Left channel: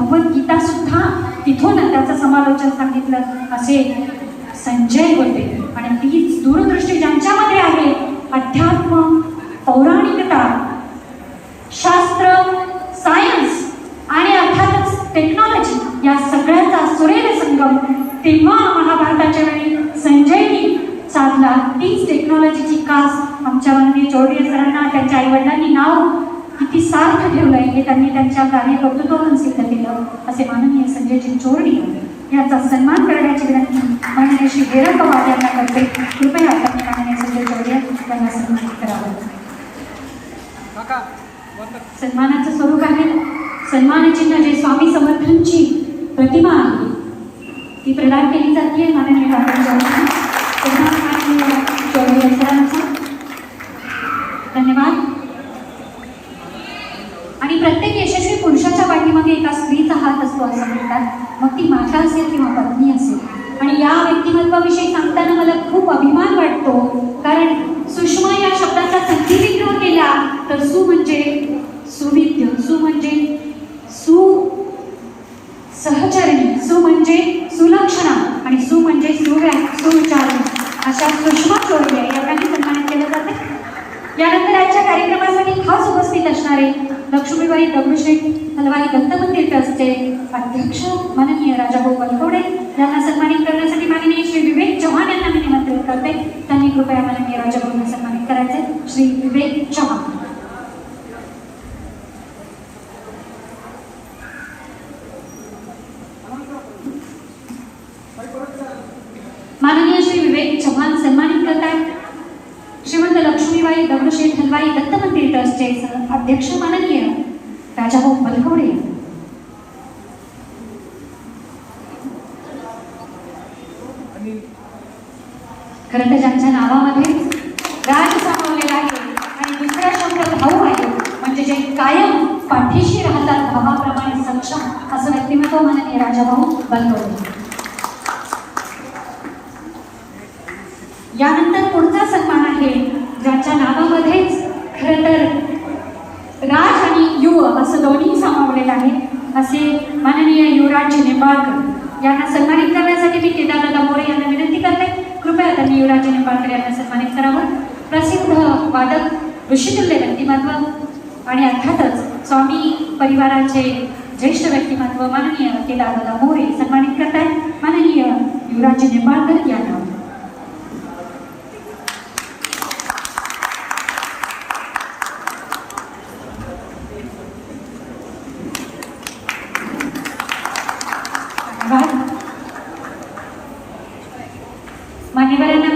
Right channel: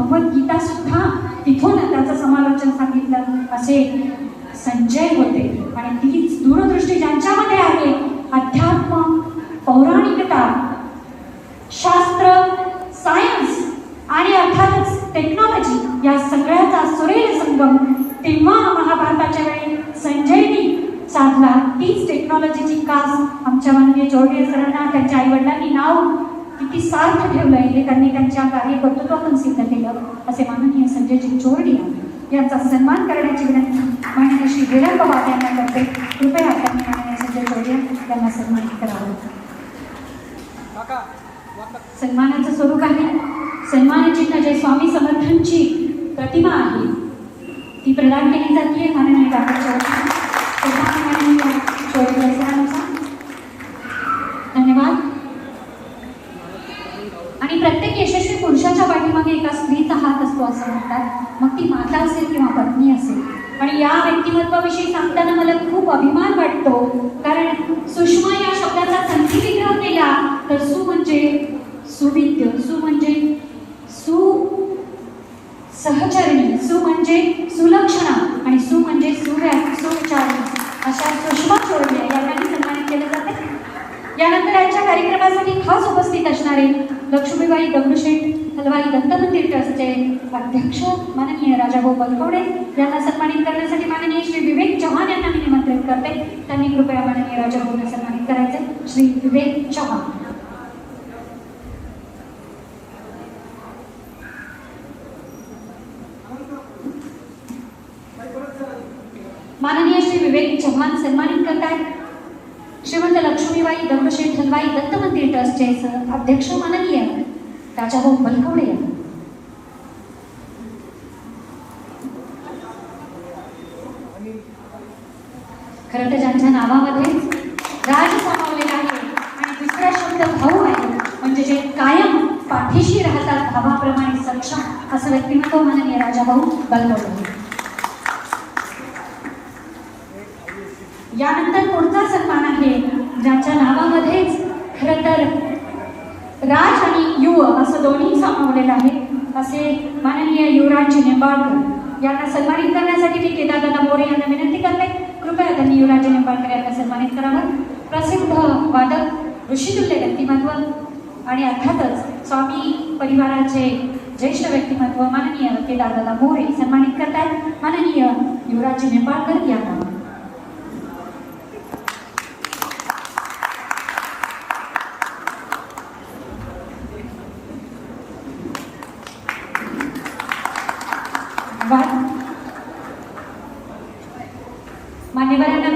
भगवद्गीता सुद्धा तिथून त्याचं समालोचन सांगितलं. असे संजय होते. आणि तीच दूरदृष्टी ज्यांच्यामध्ये आहे अध्यात्म पौराणिकता शास्त्र सायन्स आणि अर्थातच टेक्नॉलॉजी या सगळ्याचा सुरेल संगम तेव्हा महाभारताच्या वेळी संजयनी साधला. तीच टेक्नॉलॉजीची कास आमच्या माननीय चौधरी सरांना त्यांच्या आई वडिलांनी नाव किती सार्थ ठेवलंय हे त्यांनी त्यांच्या कार्यकर्तृत्वातून सिद्ध केलं असे माननीय संजयजी चोरडी यांचा सन्मान करण्याची विनंती माननीय श्री हेरल पवार यांना करते कृपया आपण माननीय संजय चौधरी यांना सन्मानित करावं. सन्मानाचं स्वरूप आहे. सन्मानचिन्ह जे स्वामी समर्थांची प्रतिमा आहे ती प्रदान केली व्यक्तिमत्वाविषयी सांगताना मला खूप अभिमान वाटतो. कारण सुषमा या शब्दाचा संधी विग्रह केला तर सु म्हणजे सुविद्य सु म्हणजे सु सहचरणी सु म्हणजे सुलक्षणा आणि सु म्हणजे सुव्या सुविचार. अशा सुषमा चोरल्या यांनाही सन्मानित केलं जाते. यानंतर आजच्या कार्यक्रमासाठी खास उपस्थित असणारे लक्ष्मीबाई दगडूशेठ हलवाई दत्त मंदिर ट्रस्टचे अध्यक्ष माननीय राजाभाऊ बलकवडे यांना सन्मानित करण्यासाठी माननीय श्री विवेक चव्हाण यांना मी निमंत्रित करते त्यांनी कृपया माननीय राजाभाऊंना सन्मानित करायचे श्री विवेक चव्हाण माननीय श्री विवेक चव्हाण सन्मानित करतात. श्रीमंत लक्ष्मीबाई दगडूशेठ हलवाई दत्त मंदिर ट्रस्टचे अध्यक्ष माननीय राजाभाऊ बलकवडे खरं तर ज्यांच्या नावामध्ये राज सामावलेला आहे आणि दुसरा शब्द भाऊ आहे म्हणजे जे कायम पाठीशी राहतात भावाप्रमाणे सक्षम असं व्यक्तिमत्व माननीय राजाभाऊ बलकवडे यानंतर पुढचा सन्मान आहे ज्याच्या नावामध्येच खरं तर राज आणि युव असं दोन्ही सामावलेलं आहे. असे माननीय युवराज निंबाळकर यांना सन्मानित करण्यासाठी मी केदारदादा मोरे यांना विनंती करते. कृपया त्यांनी युवराज निंबाळकर यांना सन्मानित करावं. प्रसिद्ध वादक ऋषितुल्य व्यक्तिमत्व आणि अर्थातच स्वामी परिवाराचे ज्येष्ठ व्यक्तिमत्व माननीय केदारदादा मोरे सन्मानित करतायत. माननीय युवराज निंबाळकर यांना Nivarana.